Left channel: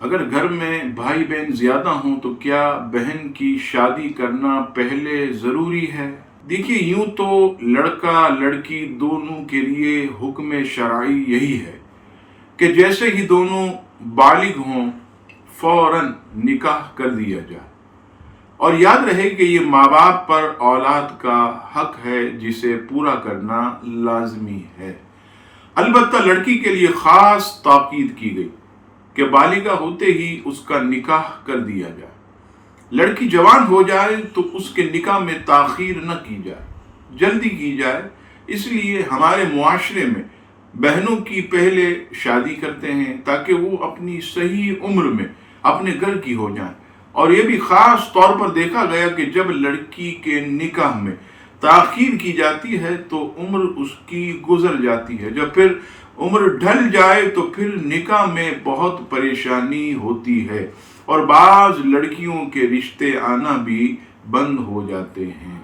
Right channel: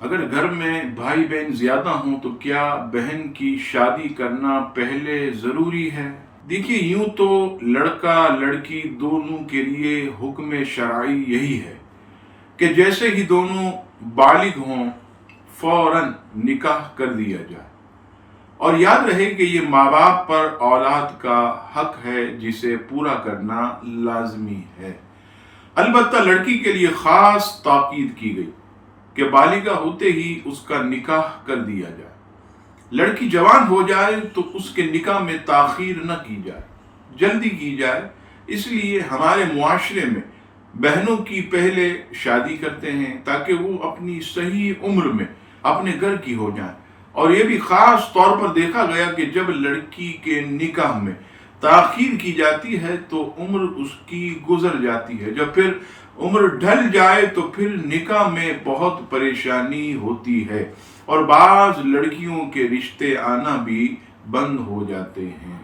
اگر گھر میں بھائی بہن زیادہ ہوں تو کیا بہن کی شادی کرنا پہلے ضروری ہے؟ دیکھیے، یوں تو لڑکا لڑکی دونوں کے لیے حکم شرعی یہی ہے کہ جیسے ہی دونوں بالغ ہوں فوراً نکاح کر دیا جائے، اور یاد رہے کہ یہ ماں باپ پر اولاد کا حق ہے جسے پورا کرنا لازمی ہے۔ البتہ لڑکی کے لیے خاص تاکید کی گئی کہ بالغہ ہوتے ہی اس کا نکاح کر دیا جائے۔ لڑکی جوان ہو جائے تو اس کے نکاح میں تاخیر نہ کی جائے، جلدی کی جائے۔ اس لیے ہمارے معاشرے میں بہنوں کی پہلے شادی کرتے ہیں تاکہ وہ اپنی صحیح عمر میں اپنے گھر کی ہو جائیں، اور یہ بھی خاص طور پر دیکھا گیا کہ جب لڑکی کے نکاح میں تاخیر کی جاتی ہے تو عمر اس کی گزر جاتی ہے، جب پھر عمر ڈھل جائے تو پھر نکاح میں بہت پریشانی ہوتی ہے، اور بعض لڑکیوں کے رشتے آنا بھی بند ہو جاتے ہیں۔